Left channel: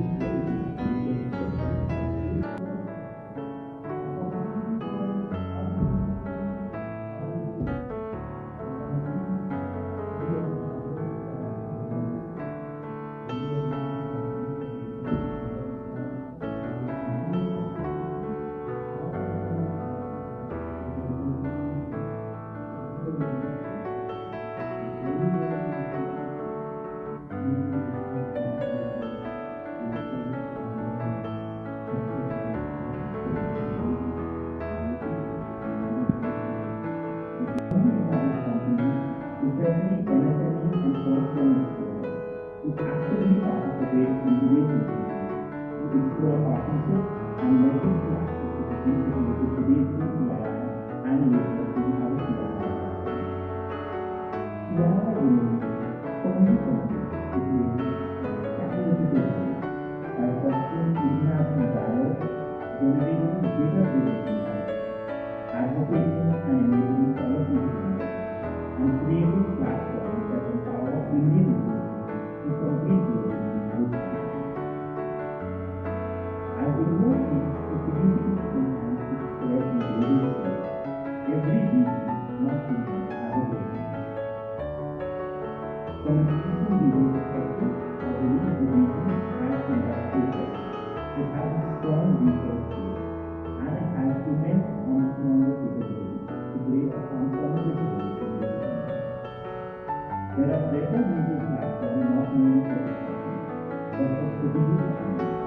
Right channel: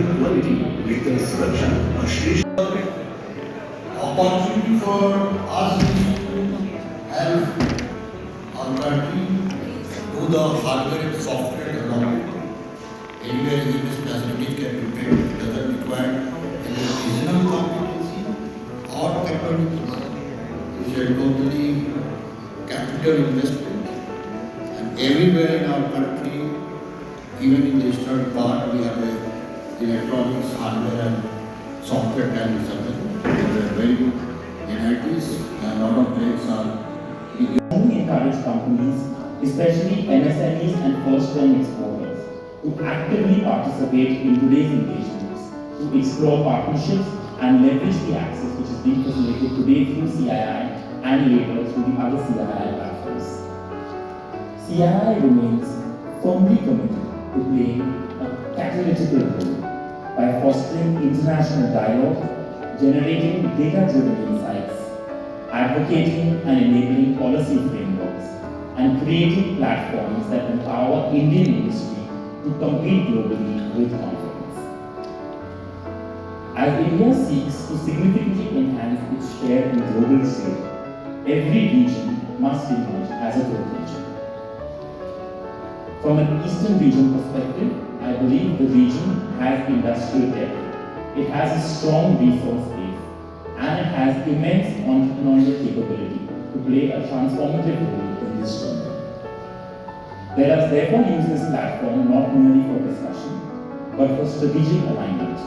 Quality वित्त सुरक्षा और श्रेष्ठ opportunity for us to help our country do the hardware and software development. Anywhere in this facility can be built, it doesn't require any regional competency or technology. It's a totally capital investment. And everywhere in our country, even in the eastern part, we have a electronics, hardware and software kind of something. There are very good NITs and a lot of players are strongly encourage companies, especially MSMEs and first-term exporters, to actively participate in today's engagements, to explore partnerships and leverage the access which is being facilitated today through CII and later through the other CII platforms. CII remains firmly committed to playing a catalytic role by fostering international dialogue, generating data-driven insights, advocating and enabling policy frameworks, and creating platforms that empower Indian industry to compete globally with confidence. As India seeks to significantly enhance its share in global trade, every region must emerge as a growth region. From an Eastern region perspective, I believe the region has industrial depth. It has a strong resource base, and it has immense entrepreneurial capability to play a transformative role in this journey. Let us therefore use this platform not merely for discussion, but for strategic alignment.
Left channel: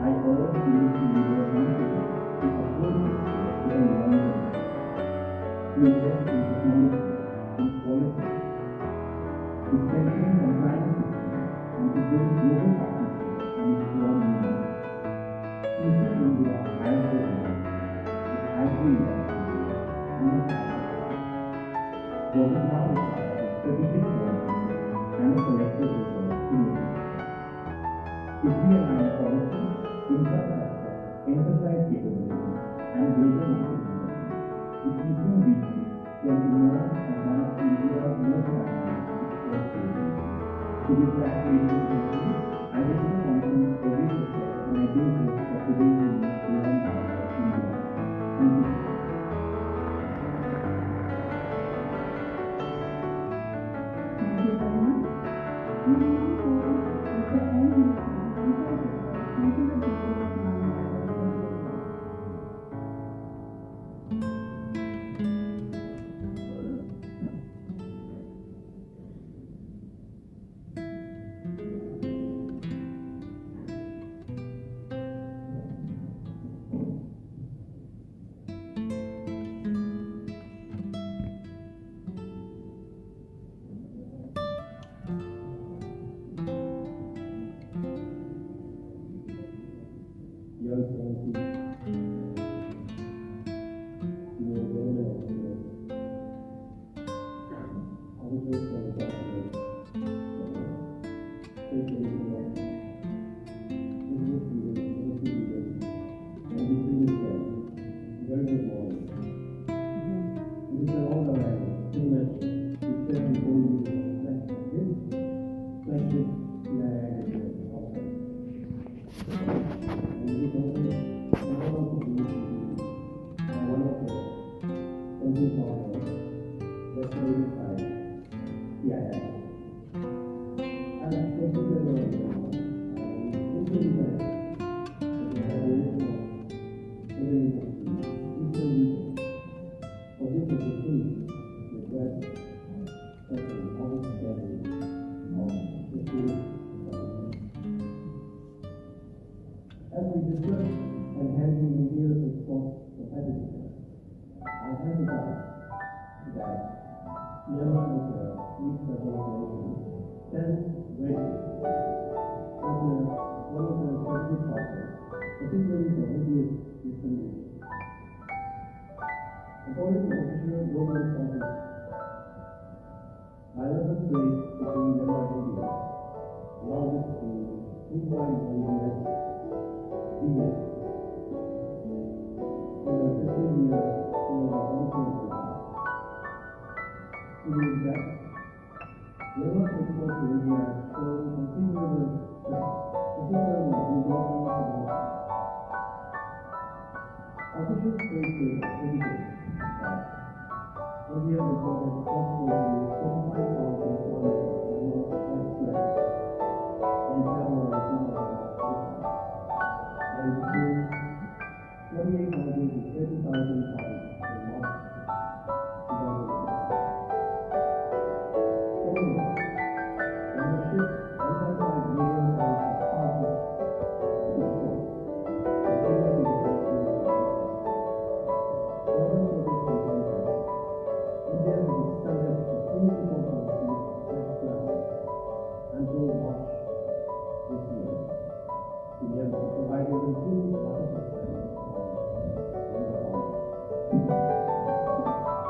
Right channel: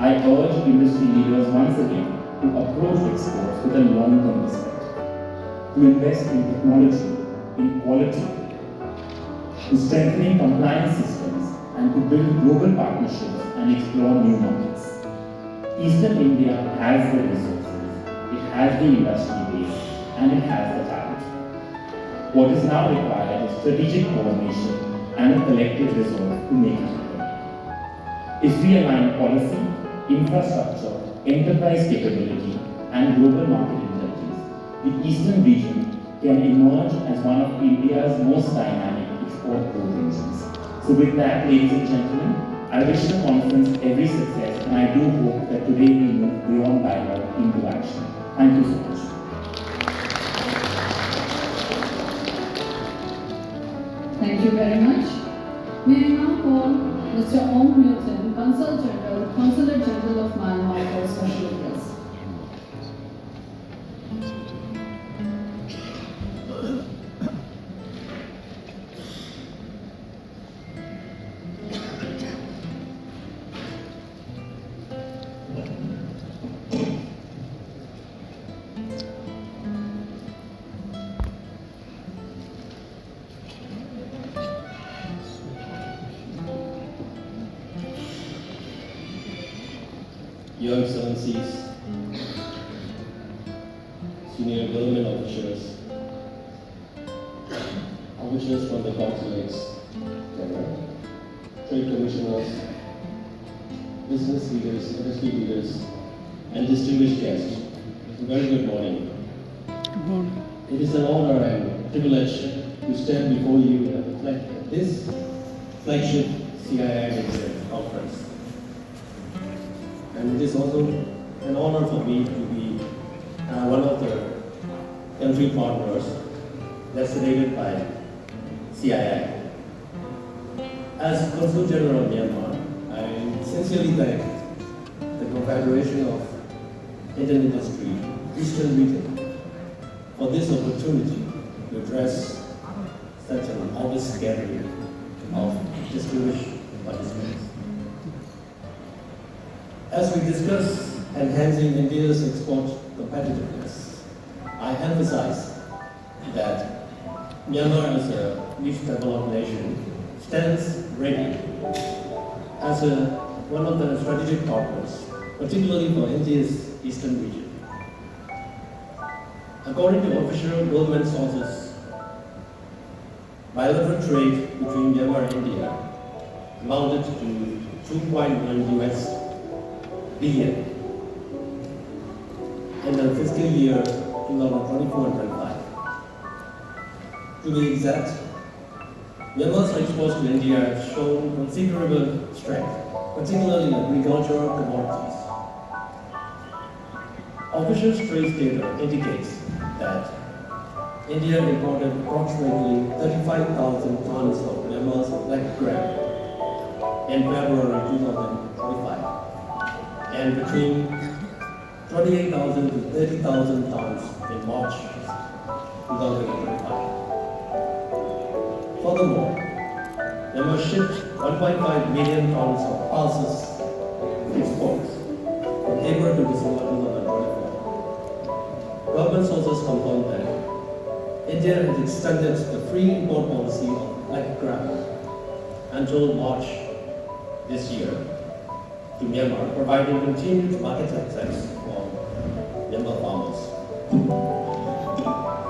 I urge industry leaders once again to approach exports with a long-term respect, to invest in technology, in quality, to strengthening compliance systems, and to build global partnerships and explore new markets. Eastern India has the resources, it has the industry base, and it has the talent. What is now required is strategic coordination and a collective resolve to make it happen. If we align policy, infrastructure, enterprise capability, and global market intelligence, the Eastern region can emerge as one of India's most dynamic export growth engines. So with that, ladies and gentlemen, I wish the conference every success, and I do hope that today we move beyond dialogue into action. Thank you so much. Thank you very much. May I now call Mr. Om Newton, Consulate General of Myanmar for a special address. Your Excellencies, senior government officials from the consulates, trade commissioners, business leaders, industry leaders, and distinguished guests. A very good morning. Good morning. It is an honor and privilege to stand before you at this flagship CII Hayat conference. And it is also an honor for me to be one of the country partners designated by CII. As Consul General of Myanmar, I sincerely thank the Confederation of Indian Industry Eastern Region for this opportunity to address such an august gathering of distinguished participants. As we discuss enhancing India's export competitiveness, I emphasize that Myanmar as a least developed nation stands ready as one of the strategic partners, particularly for India's eastern region. According to official government sources, bilateral trade between Myanmar and India amounted to $2.1 billion in the fiscal year 2024-25. To be exact, Myanmar's exports to India have shown considerable strength particularly in agricultural commodities. Official trade data indicates that India imported approximately 35,000 tons of Myanmar's black gram in February 2025, and between 28,000 to 30,000 tons in March 2025. Furthermore, Myanmar shipped 1.5 million tons of pulses exports from April to December 2024. Government sources confirm that India has extended the free import policy of black gram until March this year to Myanmar, providing continued market access for Myanmar farmers.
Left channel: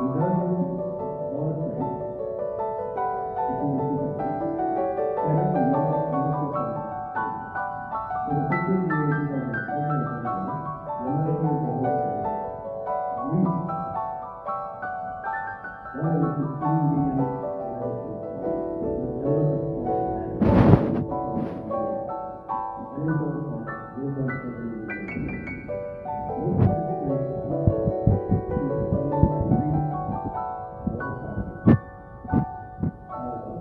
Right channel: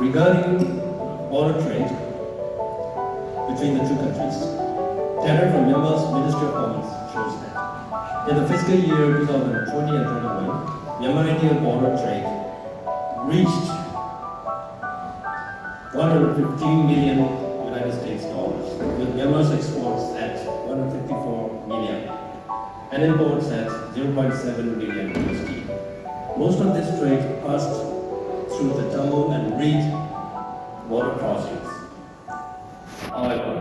Regarding border trade between the two countries, data from Myanmar's Ministry of Commerce shows that in the fiscal year 2020 and 21, Myanmar-India border trade reached $115 million United States dollars, with Myanmar's exports at 154 million and imports at 0.7 million USD. Most of this trade passed through the Tamil and Reed border crossings. However,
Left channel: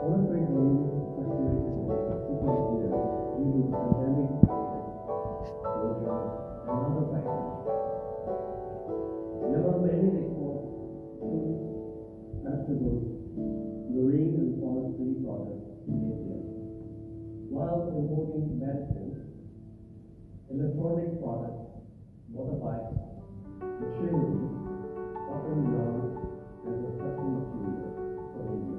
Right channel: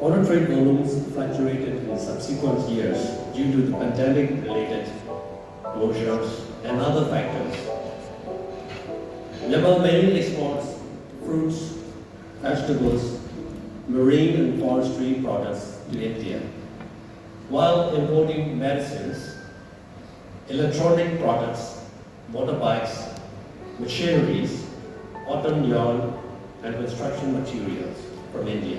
border trade volumes fluctuated in subsequent years due to the pandemic-related closures and other factors. Myanmar mainly exports fruits, vegetables, marine and forestry products to India, while importing medicines, electronic products, motorbikes, machineries, cotton yarn, and construction materials from India.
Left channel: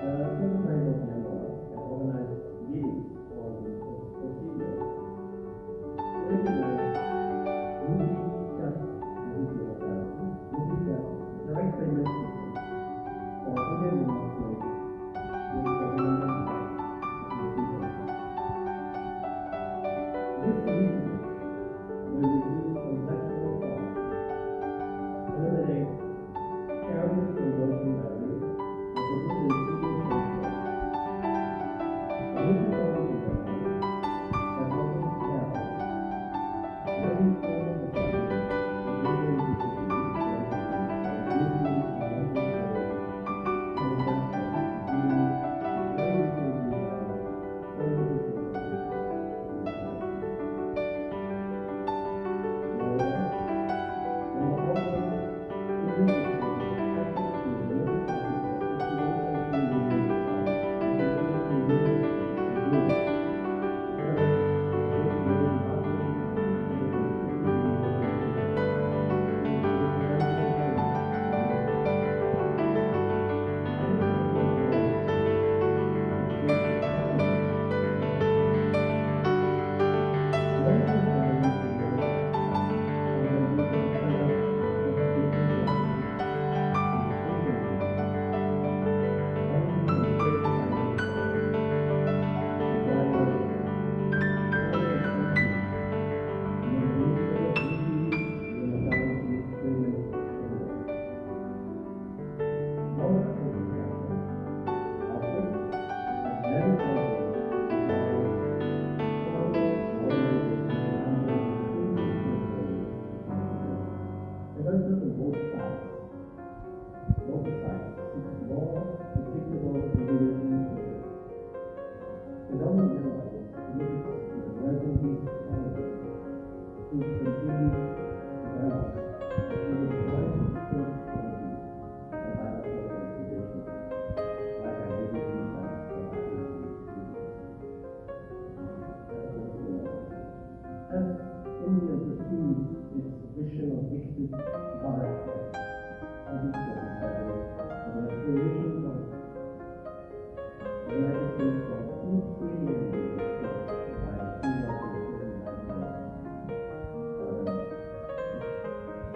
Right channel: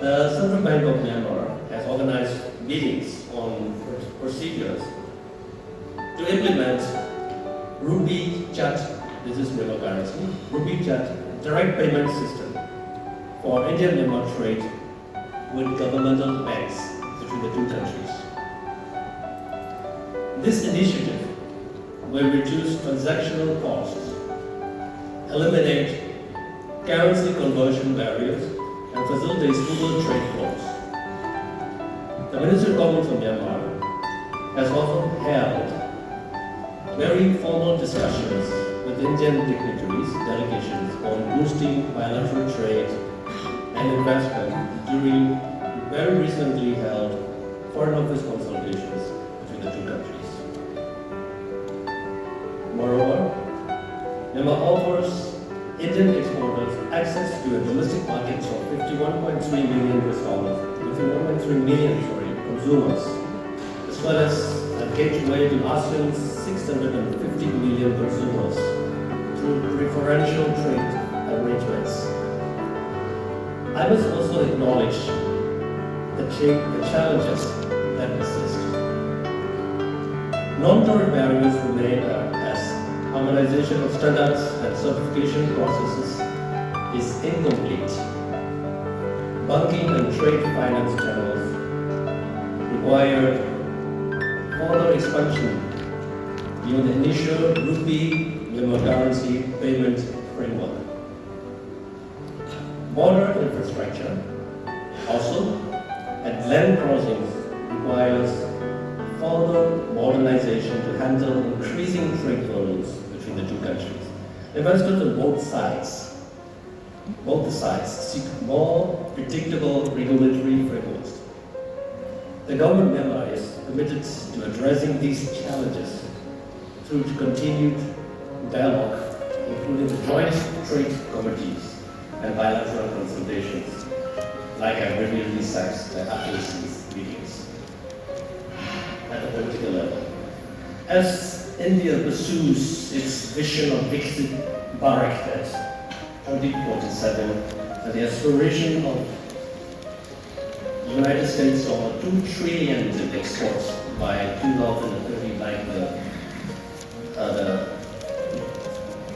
The Central Bank of Myanmar has organized meetings on procedures to implement Rupee Chat, this is Myanmar currency, Rupee Chat direct payment system for India-Myanmar trade with governmental banks between the two countries. This initiative will reduce transactional costs, eliminate currency conversion barriers, and facilitate smooth trade flows. The Ministry of Commerce of Myanmar has also held very formal discussions with Indian dignitaries, delegations on boosting bilateral trade and investment during very recently held Foreign Office consultations between the two countries. Moreover, Myanmar offers Indian exporters access to a domestic market of 51.3 million consumers, as well as a gateway to ASEAN's 650 million consumers through preferential trade arrangements. I must also acknowledge the challenges that exist. Non-tariff barriers remain as harmonization of standards and certification processes is incomplete. Banking and trade finance channels require further expansion beyond the initial Rupee Myanmar currency payment framework. Border infrastructure also at land crossings requires further modernization to handle increasing trade volumes between the two countries. Investors on both sides seek more predictable regulatory frameworks. The government of Myanmar is committed to addressing these challenges through continued dialogue, including the joint trade committees and bilateral consultations, like I regularly cite after these meetings at the political level. As India pursues its vision of Viksit Bharat at 2047 and the aspiration of the United States of $2 trillion in exports by 2030, like the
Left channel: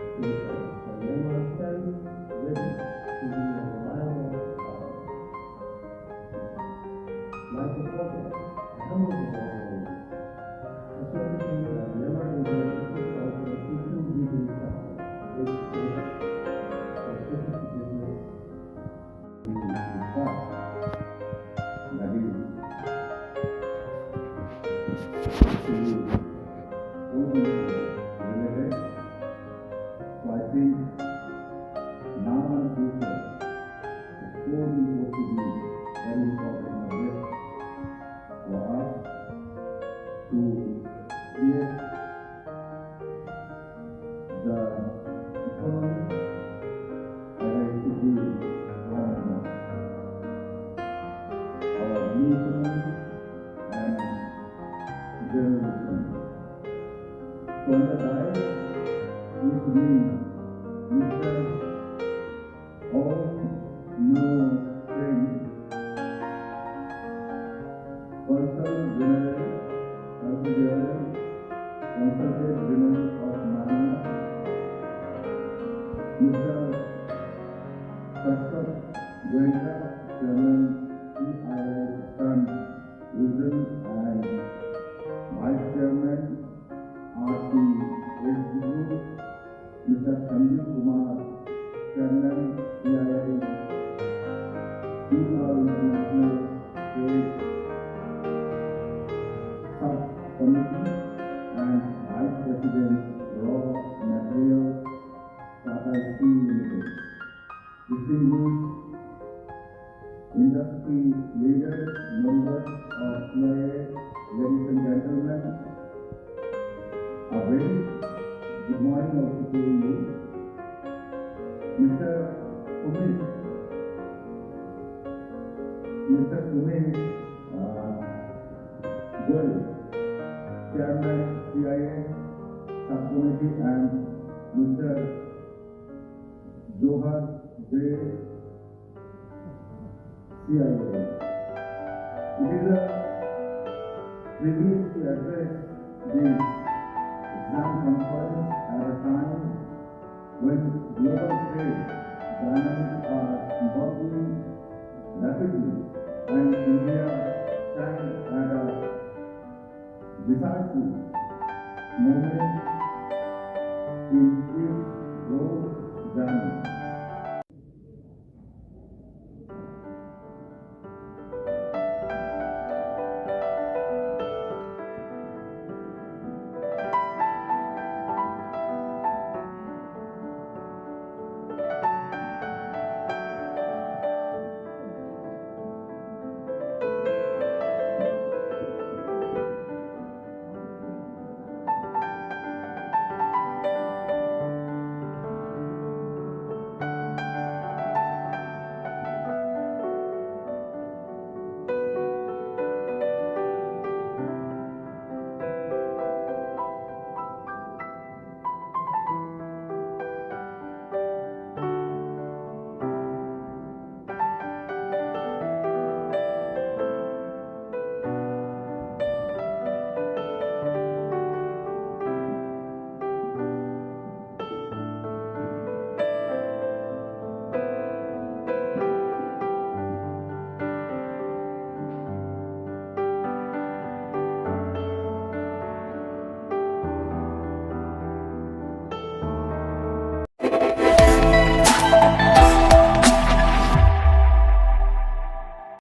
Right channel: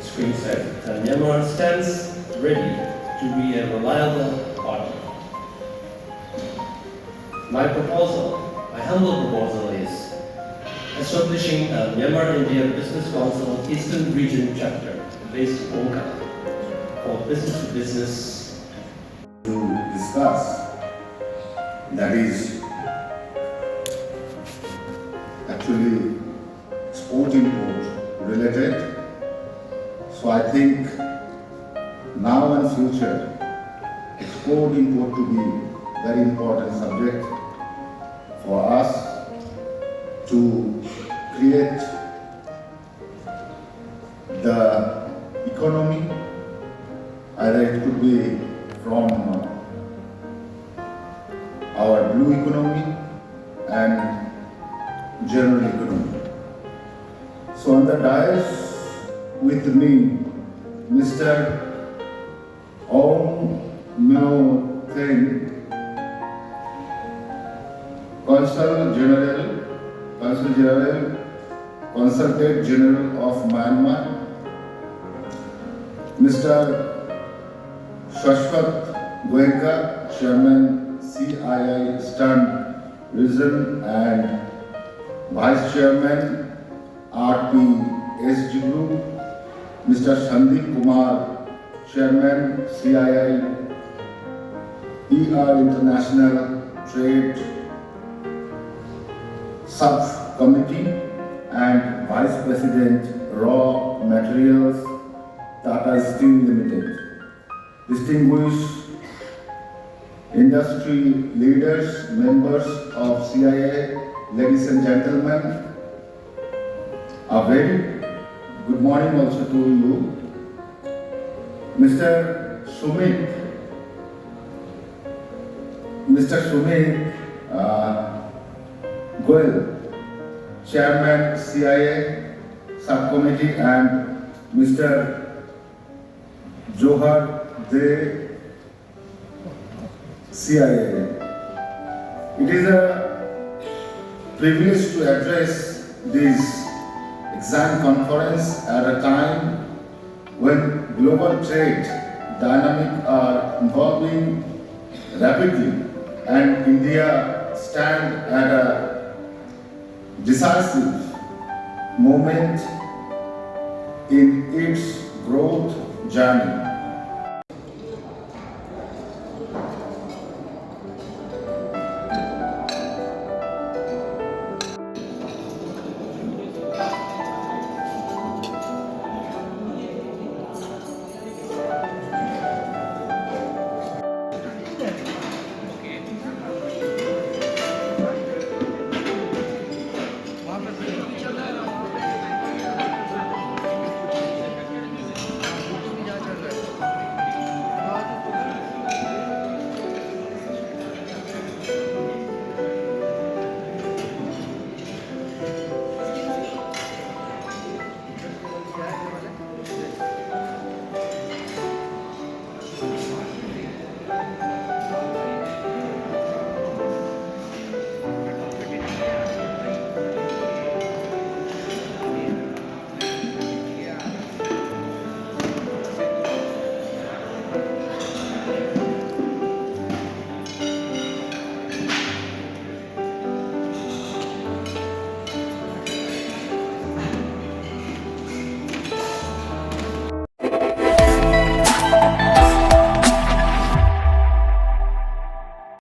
screen said, Myanmar stands ready to be a reliable partner. My humble proposal is establishing a Myanmar-India Business Council Eastern Region chapter based in Hong Kong for business-to-business to discuss that is actually export import related. So I think now and future export import to be very important subject for us to create the economy, either it could be from our blue economy and general economy. So on the dais with me, Mr. Om Myo Teng, Consul General, Consulate General of Myanmar, Mr. Shashwat Goenka, Chairman CII Eastern Region and Vice Chairman RPSG Group, Mr. Sandeep Kumar, Chairman CII International Trade Subcommittee and Vice President Raw Materials, Tata Steel Limited. Distinguished industry leaders, members of CII, ladies and gentlemen, a very good morning also to you. Mr. Sumit Goel, Chairman CII Subcommittee, and Mr. Johar De CII. It is a privilege to address this exam conference at a time when global trade dynamics are evolving rapidly and India stands at a decisive moment in its growth journey.